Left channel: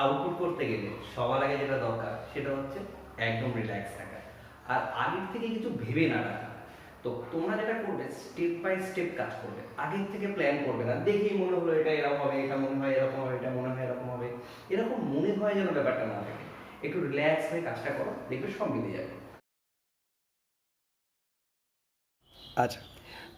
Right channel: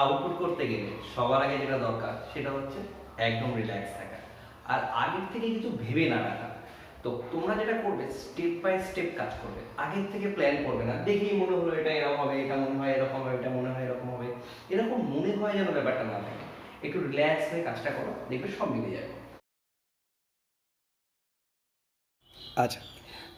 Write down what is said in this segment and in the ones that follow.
Output করতে গেলে সবার আগে যেটা দরকার সেটা হচ্ছে একদম রিল্যাক্স থাকা, আর আগের থেকে কিছু ভেবে না রাখা। তো তোমরা যেটা করবে স্টেপ বাই স্টেপ কাজ করবে, আগের থেকে প্ল্যান করবে না, দেখেই মনে হলো এটা এরকম হবে, এটা মনে হয় এরকম হবে, এটা মনে হয় এরকম হবে, এরকম মনে হয় যেন ব্যাপারটা না থাকে। একটু রিল্যাক্স হয়ে কাজটা করো, দেখবে সব মিলে যাবে। আচ্ছা,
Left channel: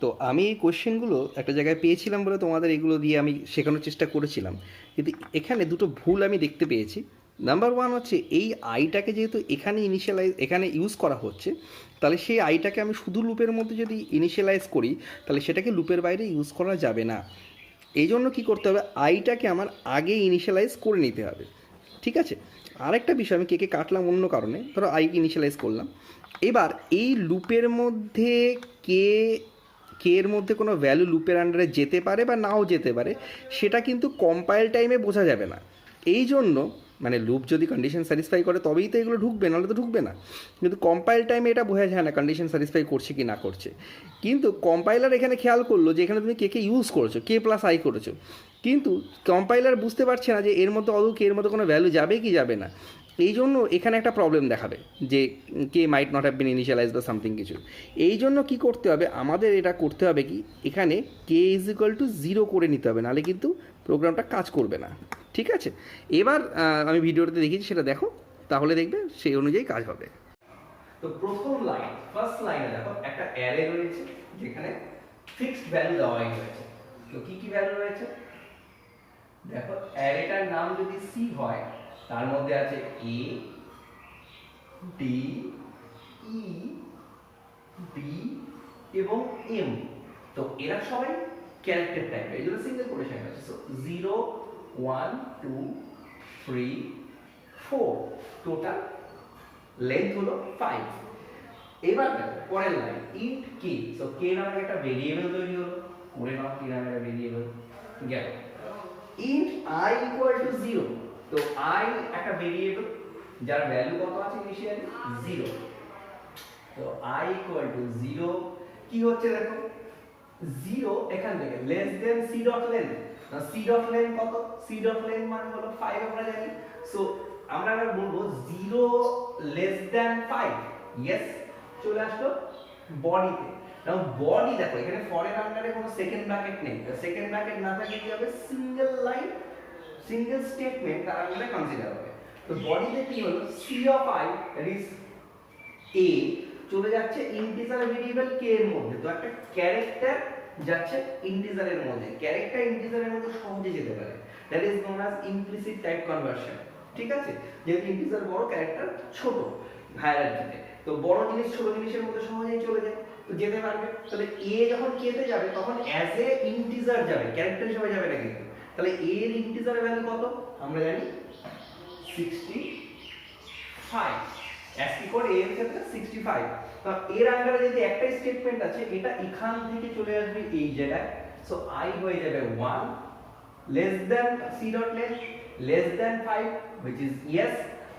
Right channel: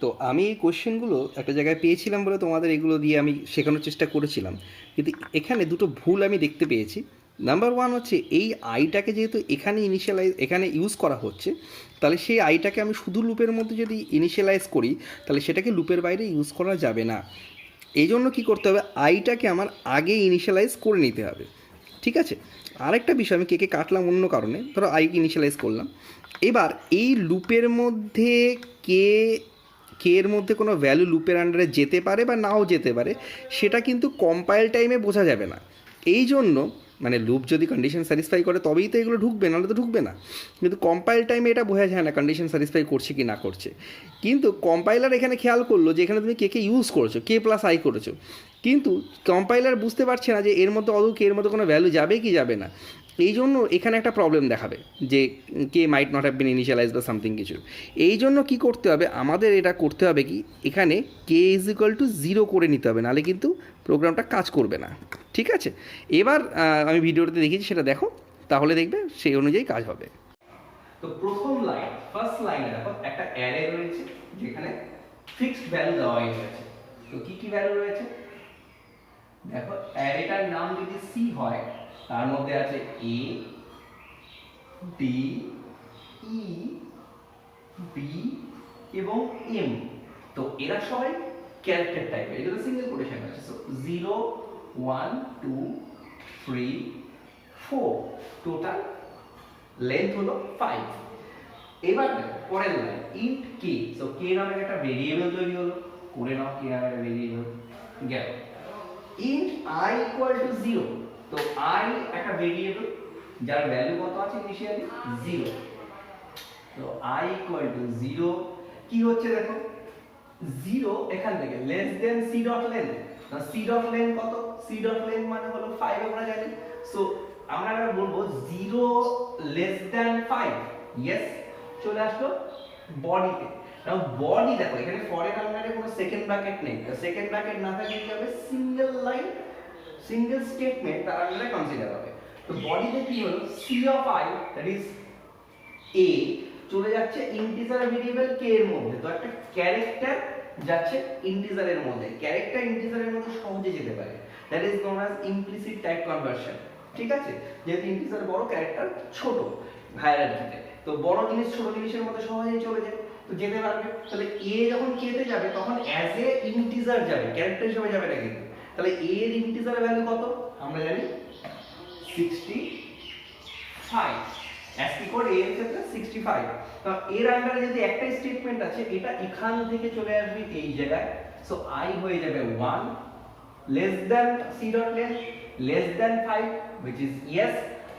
তো আমি এই কোশ্চেনগুলো একটা জায়গায় পেয়েছিলাম বলে তোমাদের এগুলো দিয়ে আমি শেখানোর চেষ্টা করেছিলাম, কিন্তু এখানে দুটো ভুল আমি দেখতে পেয়েছি। নাম্বার ওয়ান হচ্ছে এই আইটাকে যেহেতু এখানে ইউজ করা হচ্ছে, তাহলে সেই আইটাকে আমি শুধু লুপের মধ্যে যদি ইনিশিয়ালাইজ করি তাহলে সেটাকে লুপের বাইরে ইউজ করা যাবে না। এই জন্য কী করতে হবে, আইটাকে আমার আগে ইনিশিয়ালাইজ করে নিতে হবে। ঠিক আছে, আরেকটা বিষয়, আমি কেকে কাটলাম অন্য কারণে, ধরো আইকে ইনিশিয়ালাইজ করলাম। এবার এই লুপের মধ্যে কে কে এর মধ্যে কোনো ভ্যালু লুপের আন্ডারে যেতে পারে বা নাও যেতে পারে, সেটা কিন্তু কম্পাইল টাইমে বোঝা যাবে না। এই জন্য মানে লুপ যদি কন্ডিশন স্যাটিসফাই করে তবেই তো এগুলো ঢুকবে, নাহলে তো ঢুকবে না। কিন্তু কম্পাইল টাইমে এটা বোঝা যায় না কন্ডিশন স্যাটিসফাই করছে কি না করছে। কিন্তু কম্পাইলার এখানে খেয়াল করলো যে এখানে তুমি কে ইউজ করেছো, কে প্লাস আই করেছো, কিন্তু কম্পাইলার বুঝতে পারছে না যে এর মধ্যে কে এর মধ্যে কোনো ভ্যালু যাবে কি যাবে না। এই জন্য এখানে একটা প্রবলেম দেখাবে যে K might not have been initialize বা সামথিং কিছু। এই জন্য কী করতে হবে, আমাদের এটা করতে হবে কি, এখানে কে ইজ ইকুয়াল টু 0 করে নিতে হবে, নাহলে কিন্তু প্রোগ্রামটা কাজ করবে না। ঠিক আছে, এবার আমি ভিডিওটাতে দেখিয়েছি সেটা দেখো, তাহলে দেখবে সেই অনুযায়ী কাজ হবে। তো প্রথম লাইন, ফার্স্ট লাইনে দেখো একটা অ্যারে রয়েছে যেখানে ফিক্সড ভ্যালু দেওয়াই রয়েছে। তো কি কি ভ্যালু রয়েছে দেখো, অ্যারেটার নাম যদি সি হয় তার মধ্যে আছে এ, ডি, ই, বি এবং এম। তো এরা সবাই ক্যারেক্টার টাইপের, এই জন্য সিঙ্গেল কোটেশন আছে। সো 0 1 2 3 4, টোটাল লেন্থ হলো 5। এবার দেখো পরের লাইন, ইন্ট কে। সো কে নামে একটা ভেরিয়েবল তৈরি হলো, করে নাও কে নামে একটা ভেরিয়েবল গেল। Int I equal to 0। তো আই একটা ভেরিয়েবল যার ভ্যালু কত আছে ইনিশিয়ালি 0। তো আই ইকুয়াল টু 0 কি হচ্ছে দেখো, 0 এখান থেকে less than C dot length. না সি ডট লেন্থ কত, সি ডট লেন্থ মানে হলো 5 আমরা জানি। সো আমরা বলবো 0 লেস দেন 5। ইয়েস, চলে আসলো বডিতে। নাও বডি দেখো এখানে ফরেন আন্ডারে কোনো সেকেন্ড ব্র্যাকেট নেই, সেকেন্ড ব্র্যাকেট না থাকলে কি হবে, সিঙ্গেল লাইন সিঙ্গেল স্টেটমেন্ট তার আন্ডারে কনসিডার হবে। তো বডিতে কি হলো, C of I that is A চলে যাচ্ছে ইন্টিজার ভেরিয়েবল কে এর মধ্যে। তো একটা ক্যারেক্টার যাচ্ছে ইন্টিজারের মধ্যে, ক্যারেক্টার ইন্টিজারের মধ্যে সহজে যেতে পারে, that is known as implicit type conversion. ঠিক আছে, যেহেতু ইন্টিজার বড়, ক্যারেক্টার ছোট হায়ারার্কিতে, তো বড় জিনিস ছোট জিনিসের মধ্যে সহজেই চলে যায়, তো যেতে পারবে। তাহলে এ যখন কে তে যাবে তখন অ্যাজ এ ইন্টিজার যাবে, ক্যারেক্টার হিসেবে যাবে না কিন্তু। তাহলে এ এর ইন্টিজার ভ্যালু কত আমরা জানি 65। অ্যাসকি কোড এ এর ক্ষেত্রে 65। তো এর আন্ডারে যদি একটা স্টেটমেন্ট আছে, এটা এখান থেকে চলে আসবে এই জায়গায়। সো আই হয়ে যাবে 1 less than C dot length less than 5 which is yes।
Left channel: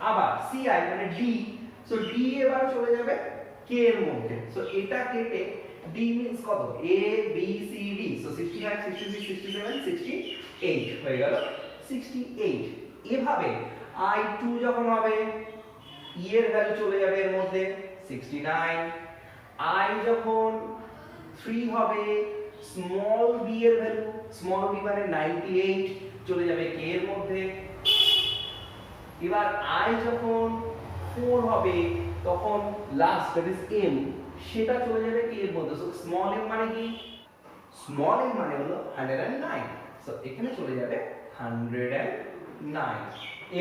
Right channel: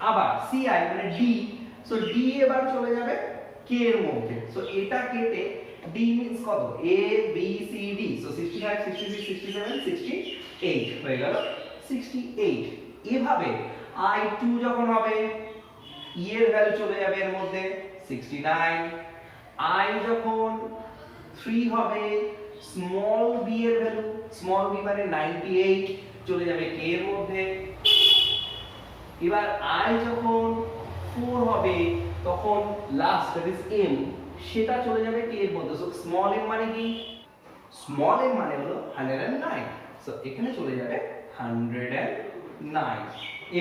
আবার সি আই মানে ডি, সো ডি এবার চলে যাবে কে এর মধ্যে। সো এটা কেটে ডি মিন্স কত, A B C D. So 65 66 67 68 হয়ে গেল 68। এভাবে i2 যখন হবে ই এর ভ্যালু চলে যাবে এর মধ্যে 69। i যখন 3 হবে স্মল বি এর ভ্যালু, স্মল বি মানে 98 চলে যাবে কে এর মধ্যে। এবার i যখন 4 হবে তখন লাস্ট দ্যাট ইজ m, সেটা চলে যাবে কে এর মধ্যে। সো স্মল m মানে কি, স্মল m মানে হলো 109। সো এখানে চলে যাবে 109।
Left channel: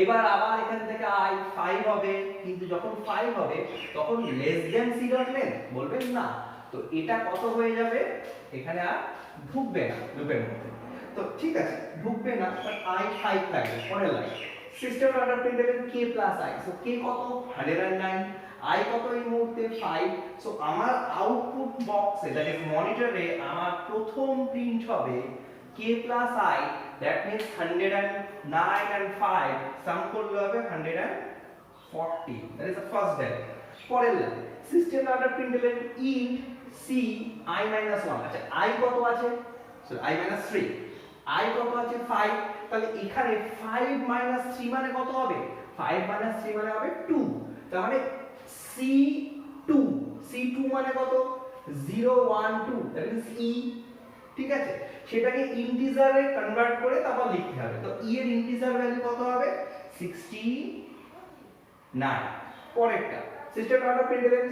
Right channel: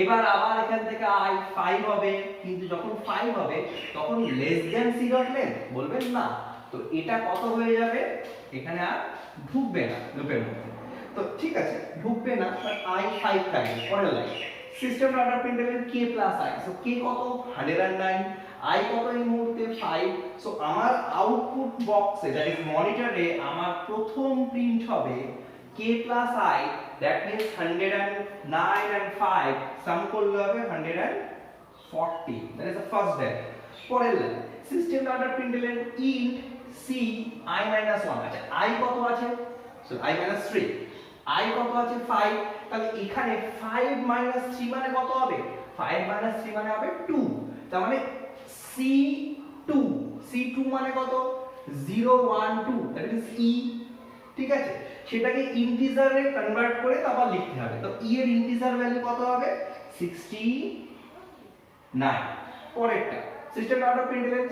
এবার আবার এখান থেকে i 5 হবে, কিন্তু যখন 5 হবে তখন less than C dot length বলবেন না। তো এটা কত হয়ে যাবে, এখানে আর ঢুকবে না লুপের মধ্যে। তো ঠিক আছে ঢুকবে না, বাট i 5 থাকবে। পরের line, system under প্রিন্টএলএন k plus i। So k কত 109, i কত এই মুহূর্তে 5। সো আমার আউটপুট বক্সে দ্যাট ইজ মনিটরে আমার প্রথম প্রিন্ট হবে k plus i, that means 109 and 5 sum করলে হবে 140, that is the first value। পরের line, system under প্রিন্টএলএন int c i minus 1। আচ্ছা i কত আছে, সো i minus 3, i কত আছে 5, তাহলে এখানে 5 মাইনাস 3 মানে কত হবে? 5 মাইনাস 3 মানে হবে 2। তার মানে C2, C2 মানে কত? 0 1 2, দ্যাট ইজ E। ঠিক আছে, সেটাকে ইন্টিজারে কনভার্ট করে তারপর লিখতে হবে। তো E এর ইন্টিজার ভ্যালু কত হবে? 69। পরেরটা system out of প্রিন্টএলএন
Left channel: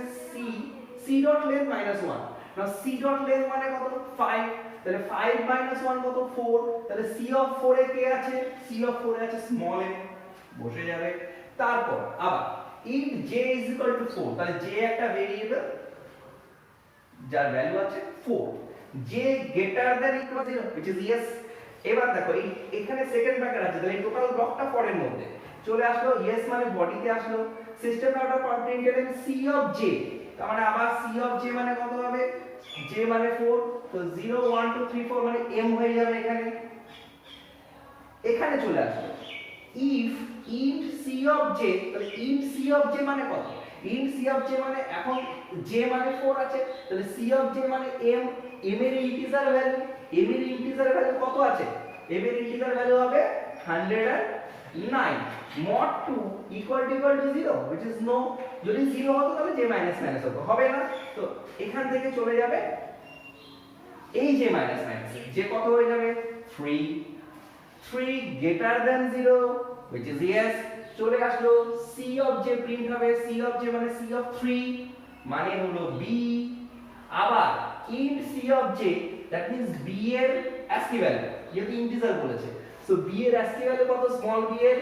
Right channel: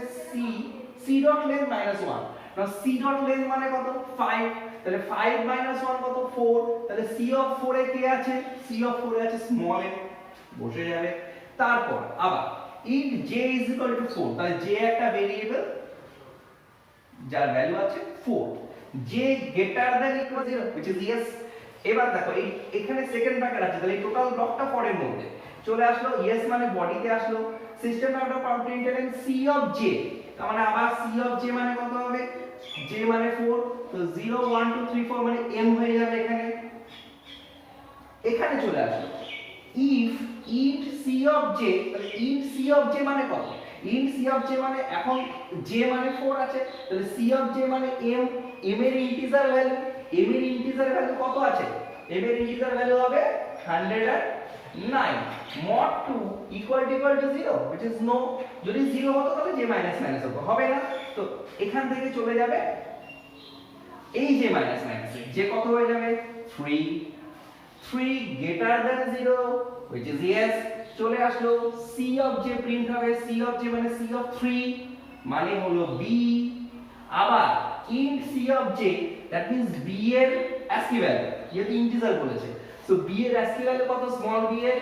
C dot length -1। Now C dot length মানে কত? 5। তাহলে 5 1 কত? 4। তাহলে C অফ 4 এ কে আছে? C অফ 4 এ আছে স্মল m, বসে যাবে। তারপর আবার if j is equal to 4, তাহলে j একটা ভেরিয়েবল যার ভ্যালু আছে 4, j greater than equal 0 which is yes। এবার দেখো এই এখানে সেকেন্ড ব্র্যাকেট আছে, তাহলে এই টোটাল ব্লকটা 4 এর মধ্যে চলে আসলো। yes মানে বডিতে আসলো। System out of প্রিন্টএলএন c of j, তার মানে আবার c অফ j মানে কত হবে? j মানে 4, তো 0 1 2 3 4 মানে m হয়ে যাবে এখানে। এখানে চলে আসলো if int c of j, তাহলে int c of j মানে কত? int c of j মানে এখন j মানে 4 আছে, তাহলে c of j মানে m, m এর ইন্টিজার ভ্যালু, m এর ইন্টিজার ভ্যালু কত আছে? m এর ইন্টিজার ভ্যালু হবে 109 mod 2 equal to 0 which is no। যদি 0 হতো তাহলে j মাইনাস মাইনাস হতো, হবে না। তো এখান থেকে চলে যাবে এই j মাইনাস মাইনাস, j কত হয়ে যাবে? 3 greater than 0 which is yes। চলে আসলো c of j প্রিন্ট হবে, c of j মানে c of 3 মানে হলো b। আবার int c of j that means b এর ASCII ভ্যালু, যেহেতু ইন্টিজার বলেছে, সো b এর ASCII ভ্যালু কত? স্মল b এর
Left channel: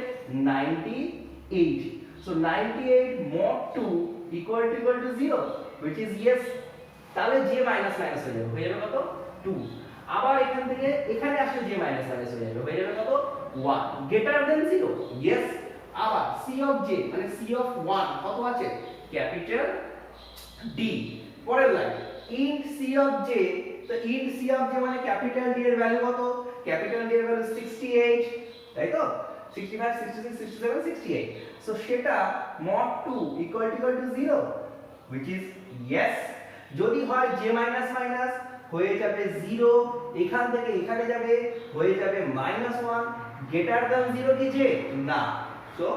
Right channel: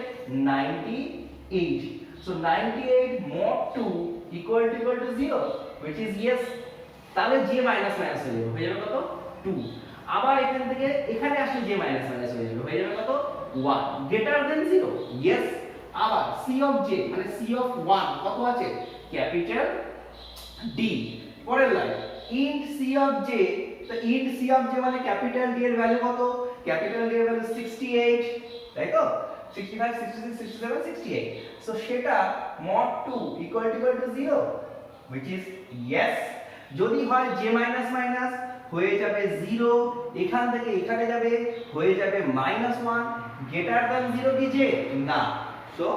98। So 98 mod 2 equal to 0 which is yes। তাহলে j মাইনাস মাইনাস হয়ে যাবে কত? 2। আবার এখান থেকে এখানে আসলে j মাইনাস মাইনাস হয়ে যাবে কত? 1 greater than 0 yes। আবার c of j মানে c of 1 কত আছে? Capital D। পরের line int c of j, তো int c of j মানে ক্যাপিটাল D এর ভ্যালু কত? ক্যাপিটাল D এর ভ্যালু 68, তাই তো? 65 66 67 68, সো সেটা mod 2 equal to 0 which is yes। যদি হয় j মাইনাস মাইনাস হয়ে যাবে 0, এখান থেকে এখানে যাবে হয়ে যাবে -1, গ্রেটার দ্যান 0 কি j? না। সো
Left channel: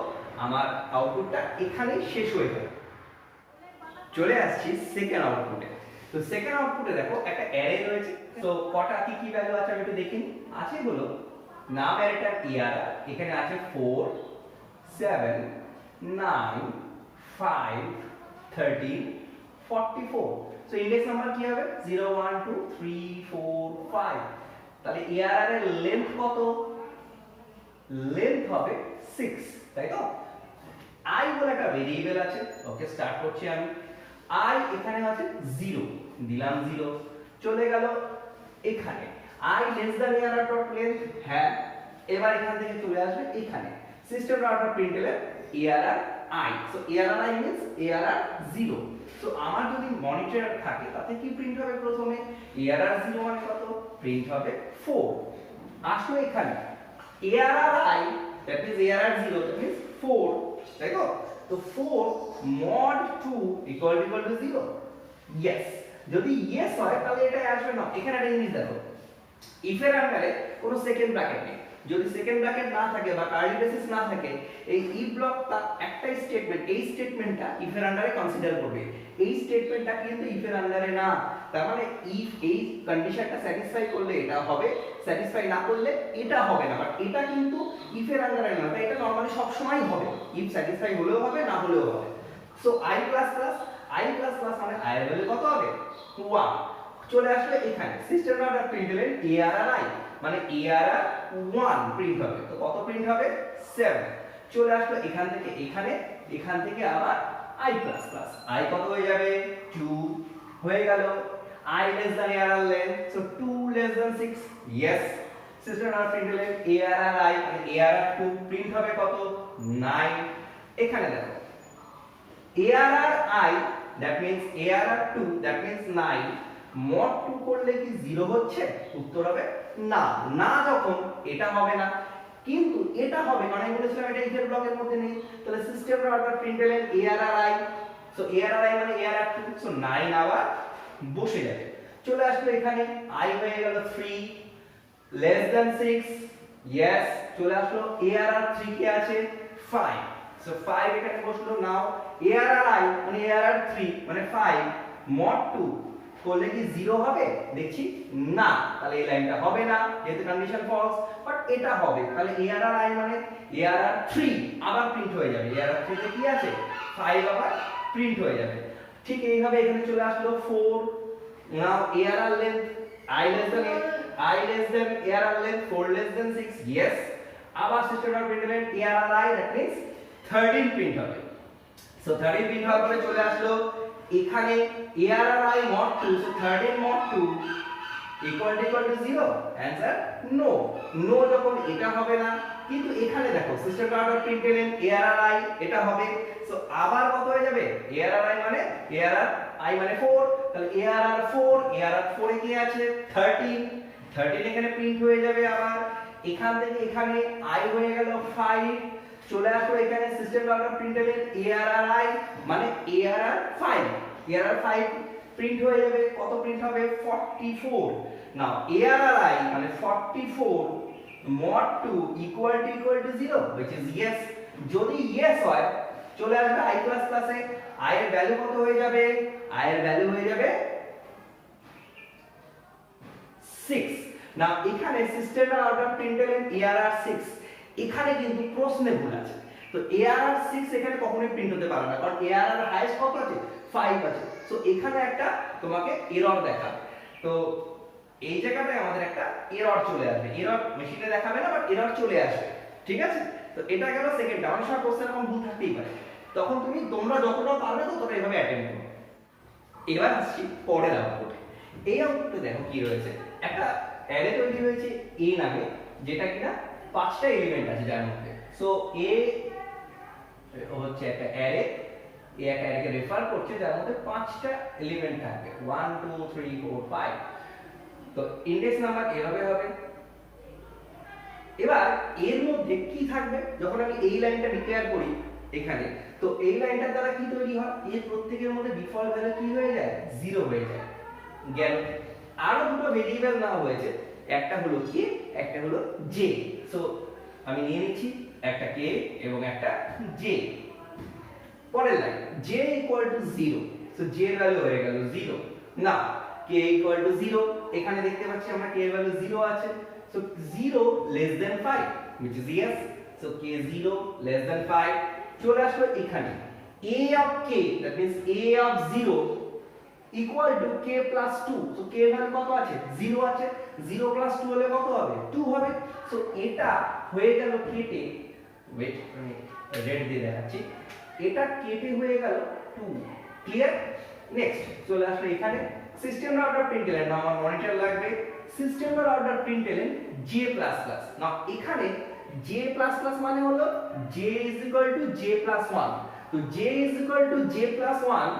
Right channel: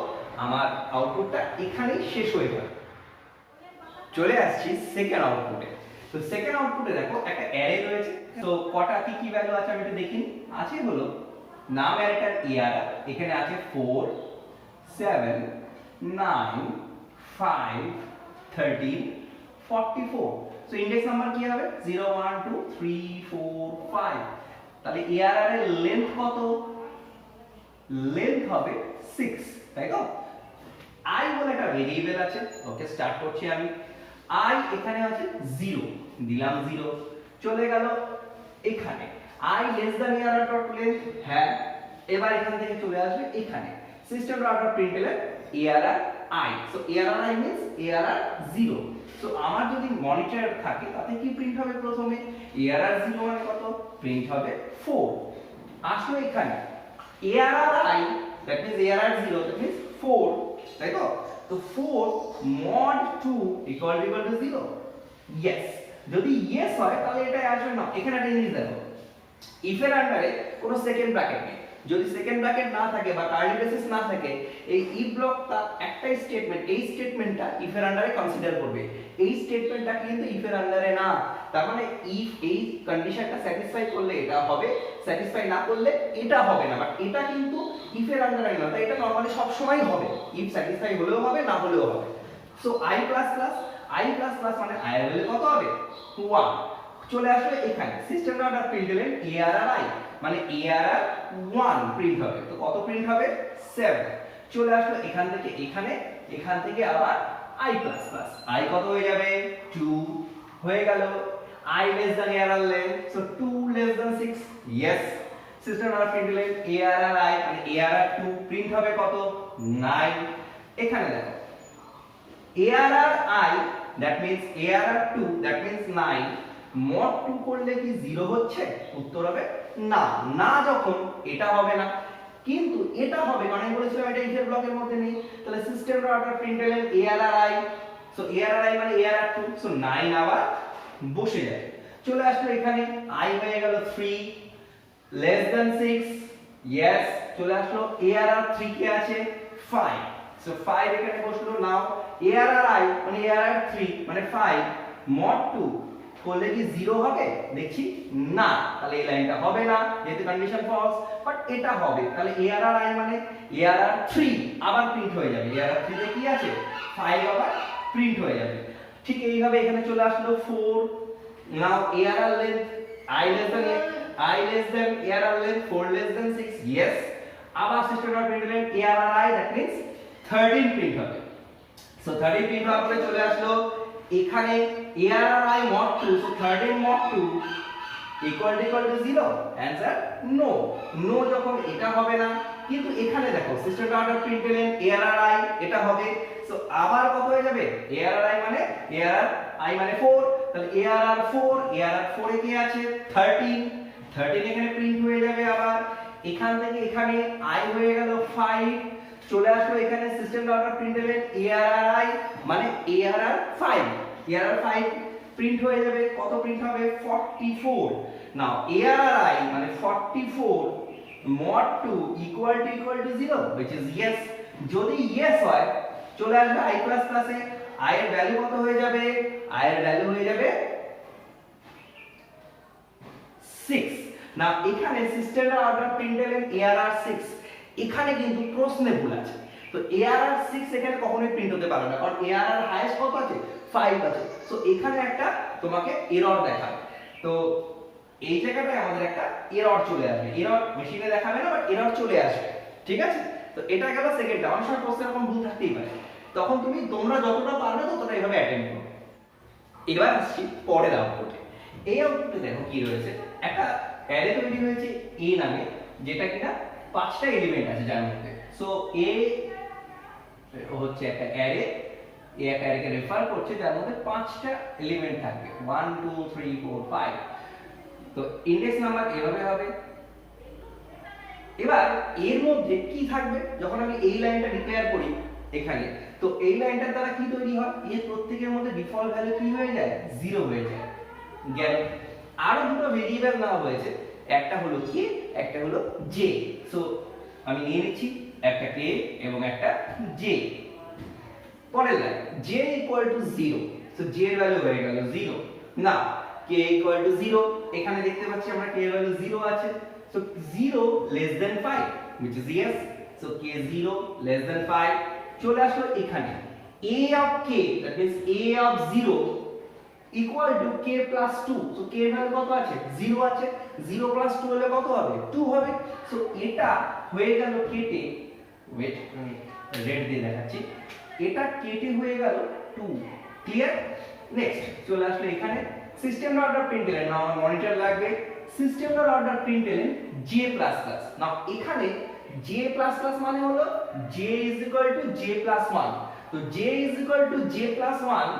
আমার আউটপুটটা এখানেই শেষ হয়ে গেল। চলে আসছি সেকেন্ড আউটপুটে। তো সেকেন্ড আউটপুটে দেখো একটা অ্যারে রয়েছে, তো কটা কি কি ভ্যালু আছে আমি একটু দেখি। আছে হলো নাম অ্যারেটার ইয়ার, এখানে আছে 4 7 9 5 13 44। সো ইন্ডেক্স নাম্বার কি হবে? 0 1 2 3 4 5। তাহলে এআরআর এর লেন্থ কত? লেন্থ হবে 6, তাই তো? i বলে একটা ভেরিয়েবল আছে, ওকে স্টার্ট করছি আমি। i এখানে আছে 0, দিলাম 0। চলে গেল এখানে i less than ARR dot length, হ্যাঁ। এবার এখান থেকে চলে আসবে এখানে system dot প্রিন্টএলএন ARR i, so ARR i means ARR 0। So আমার যদি মনিটর থাকে তাতে কি প্রিন্ট হবে? প্রথমে এআরআর 0 মানে কত? প্রিন্ট হবে 4। আসলে এখানে ARR i that means ARR 0 that means 4, তাই তো? তো 4 mod 2 equal to 0 yes। যদি yes হয় তাহলে এটা আসবে না। এখানে একটা জিনিস দেখো, if এর আন্ডারে কোনো সেকেন্ড ব্র্যাকেট নেই। যদি সেকেন্ড ব্র্যাকেট না থাকে বা কার্লি ব্রেসেস না থাকে, এই if ব্লকটা একটাই স্টেটমেন্ট, এই স্টেটমেন্টটা if এর আন্ডারে কনসিডার করবে। এই স্টেটমেন্টটা কিন্তু if এর আন্ডারে না। তার মানে if এই কন্ডিশনটা স্যাটিসফাই করলে এটা হবে, স্যাটিসফাই না করলে এটা হবে না। বাট এটা কিন্তু if এর আন্ডারে না, তাই এটা নরমালি সব সময় হবে। if স্যাটিসফাই হলেও হবে, না হলেও হবে। সো i++ মানে i এর ভ্যালু কত হবে? 1। চলে আসলে এখানে সিস্টেম ডট প্রিন্টএলএন এআরআর i মানে এআরআর 1 প্রিন্ট হবে। তো কত প্রিন্ট হবে? 7। চলে আসলো এখান থেকে এখানে, এখান থেকে আবার i++, i কত হয়ে যাবে? 2 হয়ে গেল। i less than ARR length, so 2 less than 6 yes। System dot প্রিন্টএলএন ARR i মানে এআরআর 2 প্রিন্ট হবে কত? 9। এখানে দেখো ARR I that means ARR 2 that means 9 mod 2 করলে কি 0 হচ্ছে? উত্তর হবে না। না যখন এটা হবে না, কিন্তু এটা হবে কারণ আমি বলেছিলাম এটা if এর ব্লকের মধ্যে নেই। তাহলে system dot প্রিন্টএলএন ARR I, so ARR I মানে ARR 2, সো 9 আবার বসে যাবে। চলে আসলো এখানে i হয়ে গেল 3 less than 6 yes। চলে আসলো ARR 3 কে আছে 5, সো 5 এখানে বসলো। নাও ARR I মানে ARR 3 মানে 5 mod 2 করলে কি 0 হবে? দেখছি না, তাহলে এই লাইনটা হবে না যেহেতু কন্ডিশন ফলস, বাট এটা হবে। তাহলে ARR I মানে ARR 3 আবার প্রিন্ট হয়ে যাবে। ARR 3 তে কি আছে 5 আবার প্রিন্ট হয়ে যাবে। ঠিক এইভাবে এখানে চলে আসলো 4। নাও ARR length I less than ARR length 4 less than 6, yes। আবার system dot println ARR I, that means 13 print হবে। সো 13 প্রিন্ট হওয়ার পরে চলে আসলো এখানে ARR I mod 2, so 13 mod 2 equal to 0, answer no। no যখন এটা হবে না, কিন্তু এখানে দেখো system dot println ARR I এটা হবে। সো আবার কত হয়ে যাবে? ARR I মানে 4, তাহলে ARR 4 এ কি আছে 13 এখানে প্রিন্ট হয়ে যাবে। আবার এখান থেকে এখানে I হয়ে গেল 5, চলে আসলো এখানে system dot println ARR I মানে ARR 5 প্রিন্ট হয়ে যাবে। কত প্রিন্ট হবে? 44। নাও ARR I মানে 44 mod 2 equal to 0, which is yes। যদি yes হয় চলে আসবে I++ এ। I এর ভ্যালু কত হয়ে যাবে? I এর ভ্যালু হয়ে যাবে 6। নাও এখানে সিস্টেম ডট প্রিন্টলন ARR 6, এখানে কিন্তু প্রশ্নে ভুল আছে। তো ARR 6 এখানে কখনোই প্রিন্ট হতে পারে না, কারণ ARR হাইয়েস্ট কত আছে 5 আছে। সো এখানে একটা তোমাকে এরর দেখাবে। তো এই জায়গাটায় আমাদের একটা এরর চলে আসবে। এরর মেশিনে দেখাবে না, বাট এরর চলে আসবে, ঠিক আছে? তো এটা গেল সেকেন্ডটা। অনেক সময় প্রশ্নের এরকম ভুল থাকতেই পারে, তখন তোমরা যতটা পারবে ততটা এইভাবে অ্যাটেম্প্ট করো। এবার আসছি পরের আউটপুটে। এই আউটপুটে দেখো কি রয়েছে, একটা অ্যারে তৈরি হয়েছে A নামে, যেটা কিনা 5টা এলিমেন্ট আছে যার মধ্যে। সো A হচ্ছে একটা অ্যারে, একটা অ্যারেকে রেফার করছে যার মধ্যে 5টা এলিমেন্ট থাকবে 1 2 3 4 5। তো ইনডেক্স নাম্বার এভাবে হবে। এবার এর মধ্যে কি থাকবে, যখন আমি এই লাইনটা ডিক্লেয়ার করি এখানে, তো এই লাইনটার দ্বারা কি তৈরি হয়, এর প্রত্যেকের মধ্যে ডিফল্ট ভ্যালু কি হয়ে যায় 0 হয়ে যায়। গেল। আরো দুটো ভেরিয়েবল নেওয়া হয়েছে, একটা হলো k, একটা হলো j। সো আমি নিয়ে নিচ্ছি একটা k এবং একটা j। পরের line j equal to 0, so j এর ভ্যালু হয়ে গেল 0। না k equal to 0, এখানে দেখতে পাচ্ছি আমরা k এর ভ্যালু 0 আছে। So 0 less than 5, which is yes। So k 0 less than 5 চলে আসলো এখানে a of k, that means a of 0 equal to k plus 2। So k এর ভ্যালু কত আছে 0 আছে। 0 plus 2 হলে কত হবে 2 হবে। সো এটা হয়ে গেল কেটে, ওয়েট আমি রেড দিয়ে দেখাচ্ছি, এটা কেটে হয়ে গেল 2। ক্লিয়ার? নেক্সট চলে আসলো এখানে সিস্টেম ডট প্রিন্টলন। নাও আমার মনিটর লাগবে সিস্টেম ডট প্রিন্টলন j++। নাও এখানে j++ মানে হলো j is equal to j+1। তো j is equal to j+1,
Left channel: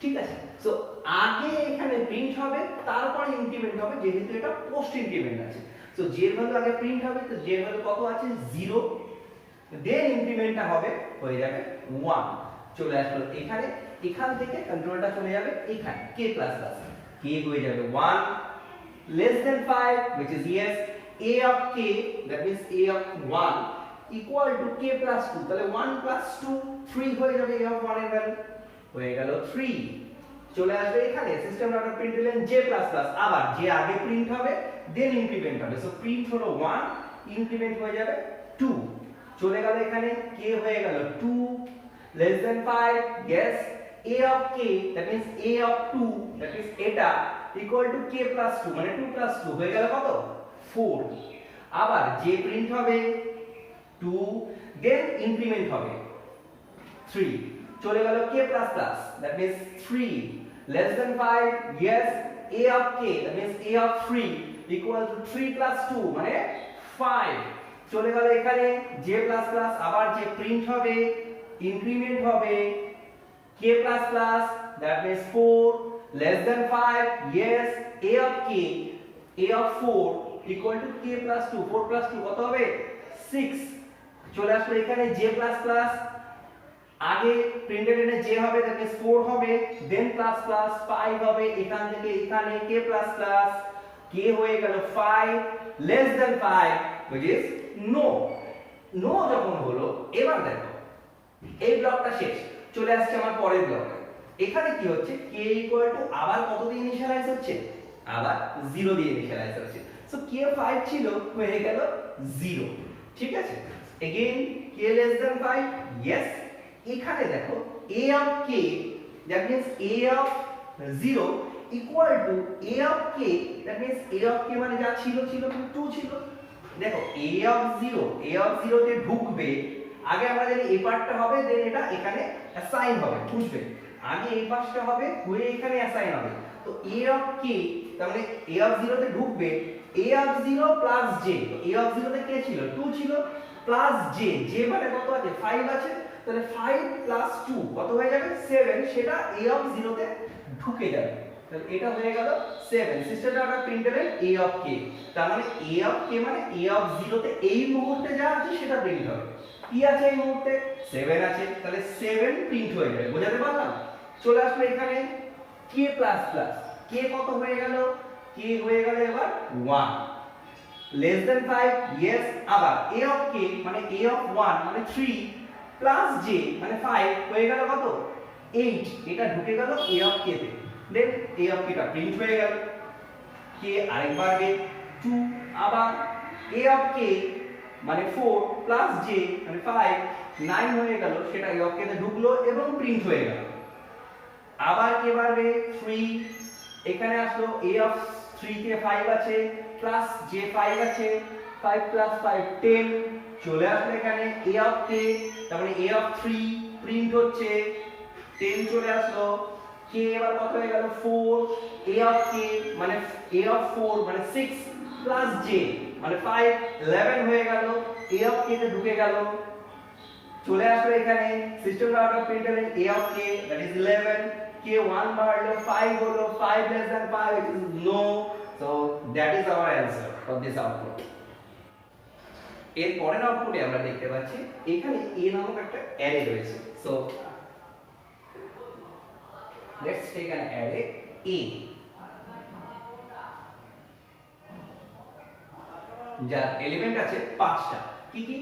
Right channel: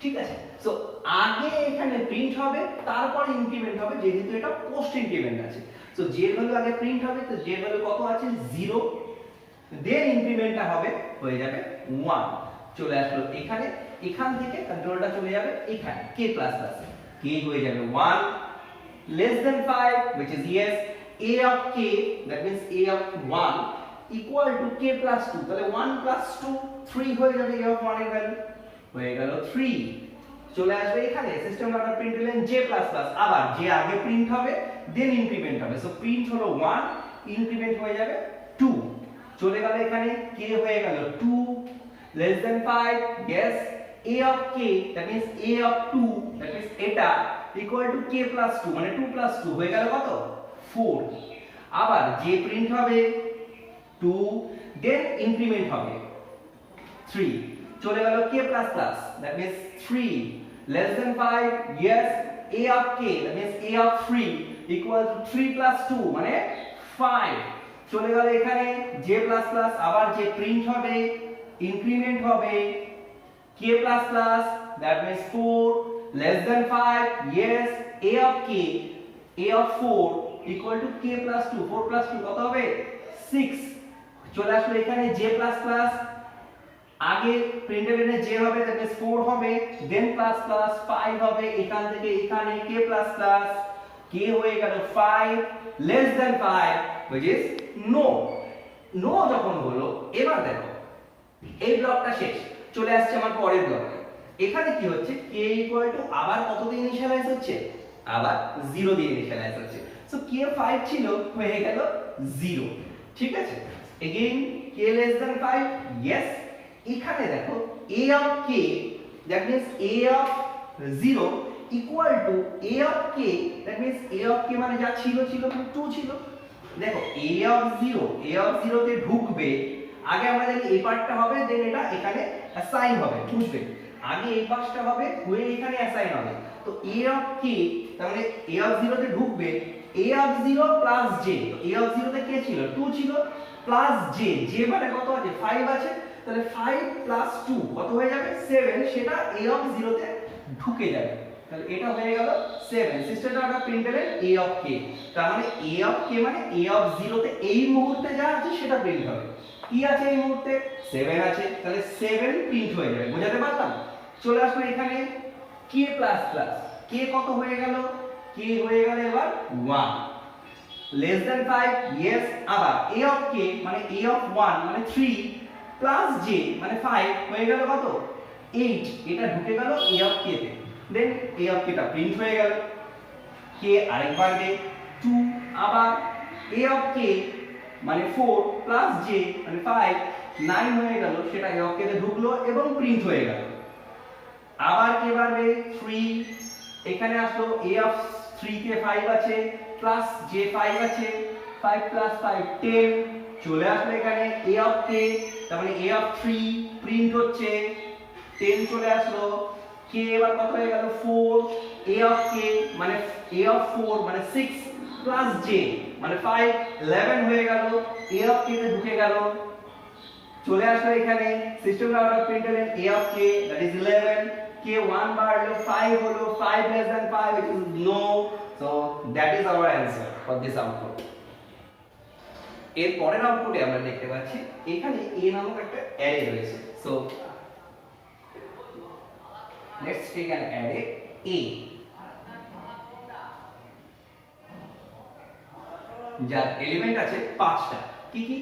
ঠিক আছে? সো আগে এখানে প্রিন্ট হবে, তারপরে ইনক্রিমেন্ট হবে, যেহেতু এটা পোস্ট ইনক্রিমেন্ট আছে। সো j এর ভ্যালু আগে প্রিন্ট হবে, তো j এর ভ্যালু কত আছে 0, দেন ইনক্রিমেন্টটা হবে হয়ে যাবে 1। চলে আসলো এখানে, এখান থেকে কন্ট্রোলটা চলে যাবে এখানে k++, k হয়ে যাবে 1 less than 5, which is yes। a of k, that means a of 1 equal to k plus 2, তাহলে 1 plus 2 3 হয়ে যাবে a of 1 এর ভ্যালু হয়ে গেল 3। চলে আসবে এখানে সিস্টেম ডট প্রিন্টলন j++, আবার j আগে প্রিন্ট হবে দেন ইনক্রিমেন্ট হবে। সো প্রিন্ট হলো 1, ইনক্রিমেন্ট হয়ে যাবে 2। চলে গেল এখানে k হয়ে গেল 2 less than 5, yes। a of k, that means a of 2, that means এটা equal to k plus 2 মানে 2 plus 2 হয়ে গেল কত 4। আবার j প্রিন্ট হবে 2, দেন ইনক্রিমেন্ট হবে 3। চলে গেল k++, that means 3 less than 5, yes। a of k, that means a of 3 equal to 3 plus 2 মানে 5। চলে গেল এখানে j++, আবার j প্রিন্ট হবে, ইনক্রিমেন্ট হবে k++, that means 4 less than 5, yes। a of k, a of 4 equal to k plus 2, 4 plus 2 কত হবে 6। চলে আসলো এখানে j++, আগে প্রিন্টলনে j হবে, that means 4 হবে, দেন প্লাস প্লাস 5 হবে, এখান থেকে এখানে k++, কে হয়ে গেল 5 less than 5 which is no no যখন হলো এবার দেখো এই ব্লকটা শেষ, চলে আসছে আমার পরের ব্লক। এখানে কি হচ্ছে k ইকুয়াল টু আবার কত দিয়ে ইনিশিয়ালাইজ হচ্ছে, আবার 0 দিয়ে ইনিশিয়ালাইজ হচ্ছে। সো k 5 ছিল হয়ে গেল 0, ঠিক আছে। Again k less than 5, yes। এখানে দেখো a of k that means a of 0 equal to a of k that means a of k মানে যা ছিল 2 ছিল। দেখো a of 0 তে ঢুকবে, আগে আমরা জানি এই পার্টটা হবে দেন এটা এখানে অ্যাসাইন হবে, বুঝবে। আগে এই পাশটা হবে হয়ে এখানে অ্যাসাইন হবে। তো a of k তার মানে a of 0 তে ঢুকবে a of 0 plus j। a of 0 তে কে ছিল 2 ছিল প্লাস j, j মানে কত আছে 5 আছে, তাহলে 5 প্লাস 2 কত হয়ে যাবে 7, সেটা a of 0 তে ঢুকে যাবে। তাহলে এটা হয়ে গেল 7। সিস্টেমটা আমরা প্রিন্ট করলেন a of k, তার মানে a of k মানে a of 0 তে এই মুহূর্তে যা আছে সেটা প্রিন্ট হবে। কি আছে এই মুহূর্তে 7 আছে, তাহলে 7 প্রিন্ট হয়ে যাবে, বুঝাতে পারলাম। চলে আসলো এখানে k প্লাস প্লাস, k কত হয়ে গেল, k হয়ে গেল এবার 1 less than 5, yes। আবার a of k মানে a of 1 মানে 3 প্লাস j মানে 5 হয়ে গেল কত 8, এটা ঢুকে গেল a of k তে। দেন a of k টা প্রিন্ট হয়ে গেল, k আরেকবার গে 2, আবার a of k মানে 4 প্লাস j মানে 5 9 হয়ে গেল, সেটা a of k তে ঢুকলো এবং প্রিন্ট হয়ে গেল। আবার কে বাড়বে 3, এখানে আসলো a of 3 তে 5 আছে প্লাস j 5 আছে, 5 প্লাস 5 10 চলে আসলো এখানে a of k তার মানে a of 3 প্রিন্ট হচ্ছে 10 চলে আসলো। k এবার কত হয়ে গেল 4, a of k মানে a of 4 মানে 6 প্লাস j মানে 5 11 হয়ে গেল, a of k তে ঢুকে গেল। চলে আসলো এখানে সিস্টেম আউট অফ প্রিন্ট হলেন a of k that is 11, k 1 বাড়লো 5 হলো 5 less than 5 which is no, so that is our answer for this output। এর পরের আউটপুটে আমরা দেখতে পাচ্ছি এখানে a নামক একটা অ্যারে রয়েছে। So let's take an array a যার এলিমেন্ট আছে 5টা, কি কি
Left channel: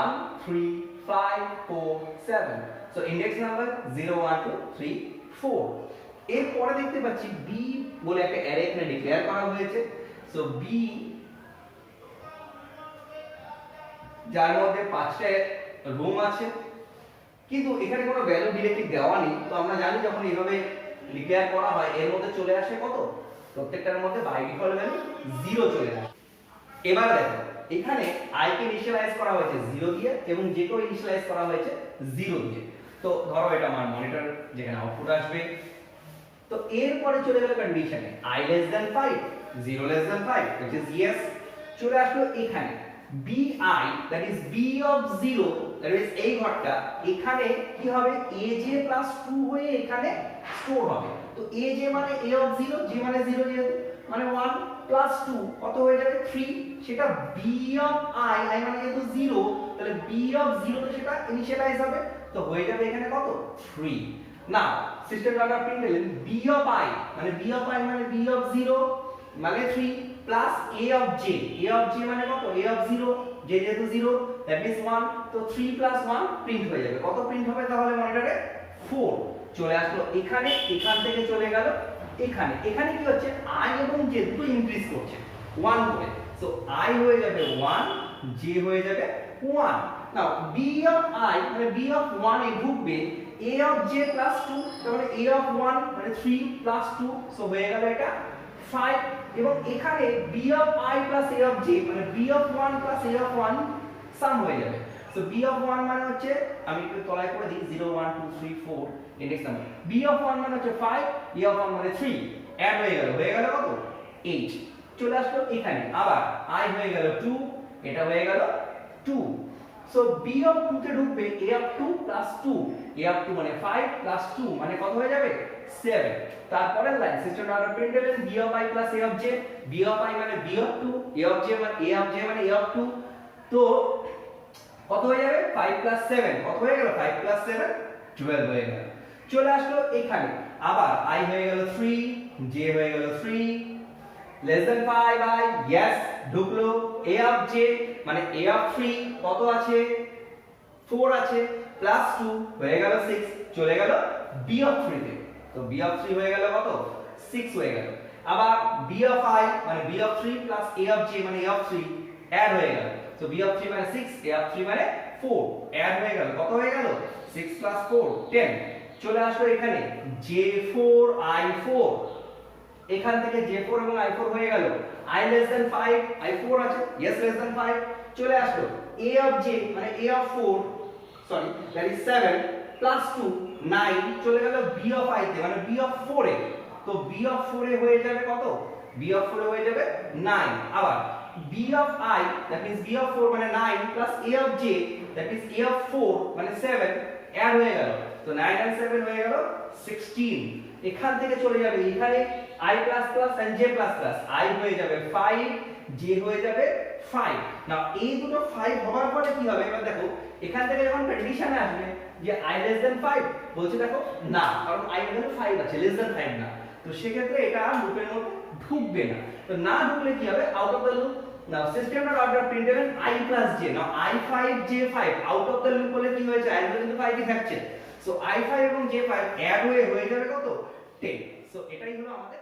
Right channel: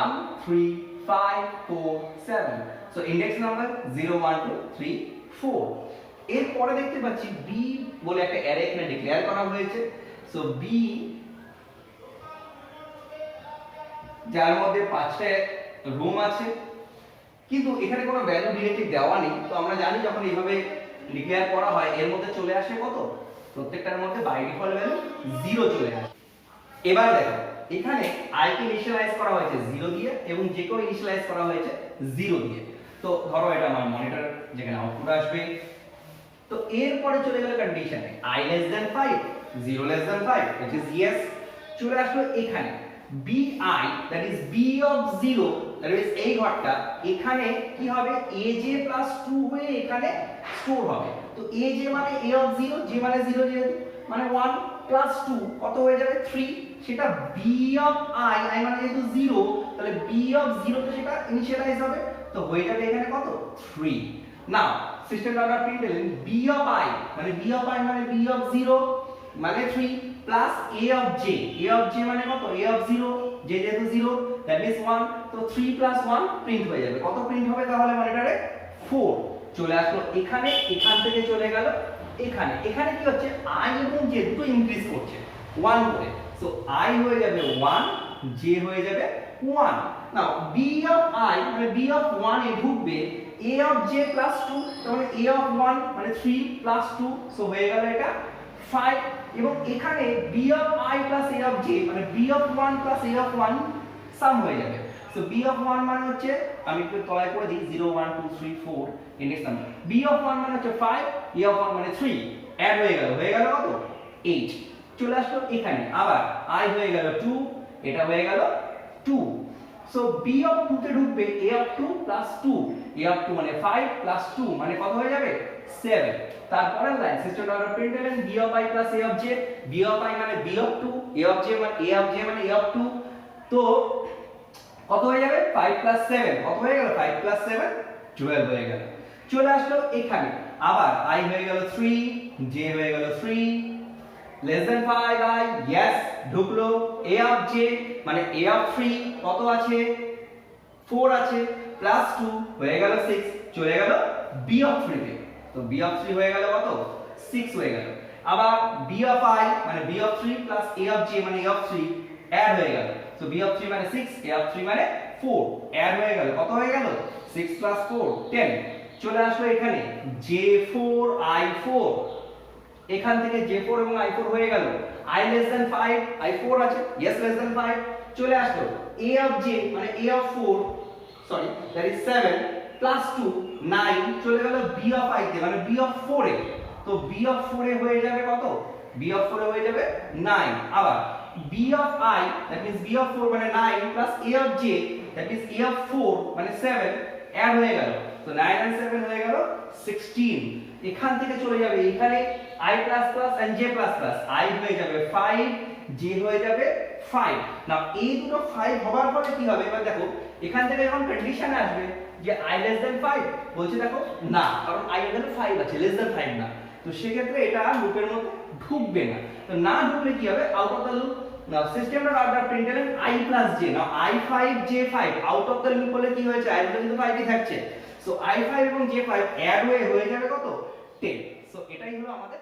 1 3 5 4 7, সো ইনডেক্স নাম্বার 0 1 2 3 4। এর পরে দেখতে পাচ্ছি b বলে একটা অ্যারে এখানে ডিক্লেয়ার করা হয়েছে। সো b যার মধ্যে 5টা রুম আছে, কিন্তু এখানে কোনো ভ্যালু ডিরেক্টলি দেওয়া নেই। তো আমরা জানি যখন এইভাবে ডিক্লেয়ার করা হয় এর মধ্যে চলে আসে কত, প্রত্যেকটার মধ্যে বাই ডিফল্ট ভ্যালু 0 চলে আসে। এবার দেখো এখানে i কে ইনিশিয়ালাইজ করা হয়েছে 0 দিয়ে এবং j কে ইনিশিয়ালাইজ করা হয়েছে 0 দিয়ে। তো ধরো এটা আমার মনিটর যেখানে আউটপুট আসবে। তো এরপরে চলে গেল কন্ডিশনে i less than 5, 0 less than 5 which is yes। চলে আসলো এখানে bi that is b of 0 that is এই ঘরটা এখানে কি হবে aj plus 2 হয়ে এখানে স্টোর হবে। তো aj মানে a of 0, j মানে 0 যেহেতু মানে 1 plus 2 কত হয়ে যাবে 3, সেটা b of i মানে যেহেতু 0 তাহলে b of 0 তে সেটা ইনিশিয়ালাইজ হবে, তো হয়ে যাবে এখানে কত 3। নাও সিস্টেম আমরা প্রিন্ট করলেন b of i মানে b of i মানে b of 0 মানে 3 প্লাস a of j মানে কত a of 0, j যেহেতু 0 that means 1, তো 3 plus 1 প্রিন্ট হয়ে যাবে। কত প্রিন্ট হবে তাহলে মনিটরে 4 চলে আসলো এখানে, এখান থেকে চলে গেল এখানে। এখানে কি হচ্ছে i এবং j দুটো ইনক্রিজ করছে 1 করে, সো i হয়ে যাবে 1, j হয়ে যাবে 1। নাও b of i মানে b of 1 এ ঢুকবে a of j plus 2, তার মানে a of 1 মানে 3 plus 2, সো হয়ে গেল এটা 5। এবং এখানে b of i plus a of j মানে b of 1 plus a of 1 সাম হয়ে যাবে। সো b of 1 মানে হচ্ছে আমি একটু তলায় করে দিই 0 1 2 3 4 ইনডেক্স নাম্বার, b of 1 মানে হচ্ছে 5, a of 1 মানে 3, অ্যাড হয়ে গেল কত 8। চলে আসলো এখানে আবার i হয়ে গেল 2, এটা হয়ে গেল 2, সো b of 2 তে ঢুকবে a of 2 plus 2, a of 2 মানে 5 plus 2 মানে কত হয়ে যাবে 7। তারপরের লাইন সিস্টেম আমরা প্রিন্ট করলেন b of i plus a of j, b of i মানে b of 2, a of j মানে a of 2, তো কত হয়ে যাবে 5 plus 7 কত হয়ে গেল 5 plus 7 12 হয়ে গেল। চলে আসলো এখানে আবার i হয়ে গেল 3, j হয়ে গেল 3, লেস দেন 5 আই ইয়েস ঢুকলো a অফ j মানে a অফ 3 কত আছে 4 আছে প্লাস 2 হয়ে গেল 6 চলে গেল b অফ 3 তে তো b অফ 3 হয়ে গেল কত 6 হয়ে গেল আবার b অফ i মানে b of 3 plus a of j মানে a অফ 3 অ্যাড হয়ে গেল তো b অফ 3 মানে 6 a অফ 3 মানে 4 অ্যাড হয়ে গেল কত হয়ে গেল 6 প্লাস 4 10 চলে আসলো এখানে j4 i4 এখান থেকে j4 এবং i4 হয়ে গেল i less than 5 i4 আছে yes less than 5 চলে আসলো a of j মানে a of 4 sorry that is 7 plus 2 9 চলে গেল b of i তে মানে b of 4 এ তো b of 4 এ হয়ে যাবে কত b of 4 এ হয়ে যাবে 9 আবার b of i that means b of 4 মানে 9 plus a of j that means a of 4 মানে 7 অ্যাড হয়ে গেল তো 9 and 7 হয়ে গেল 16 এখান থেকে চলে যাবে এখানে i and j i হয়ে যাবে 5 j হয়ে যাবে 5 নাও এই দুটো 5 হবার পরে কি হবে এবার দেখো এখান থেকে যখন কন্ডিশনে আসবে যে i less than 5 বলছে দেখো না কারণ i এখানে 5 আছে less than 5 না তো সেই ক্ষেত্রে এটা আর লুপের মধ্যে ঢুকবে না তো না ঢুকলে কি হবে out of the loop now system dot out of println i j now i5 j5 out of the loop বলে কি হয়েছে i কিন্তু 5 ই থাকছে সো i5 এবং j5 অ্যাড হয়ে যাবে কত 10 সো এটাই হলো আমাদের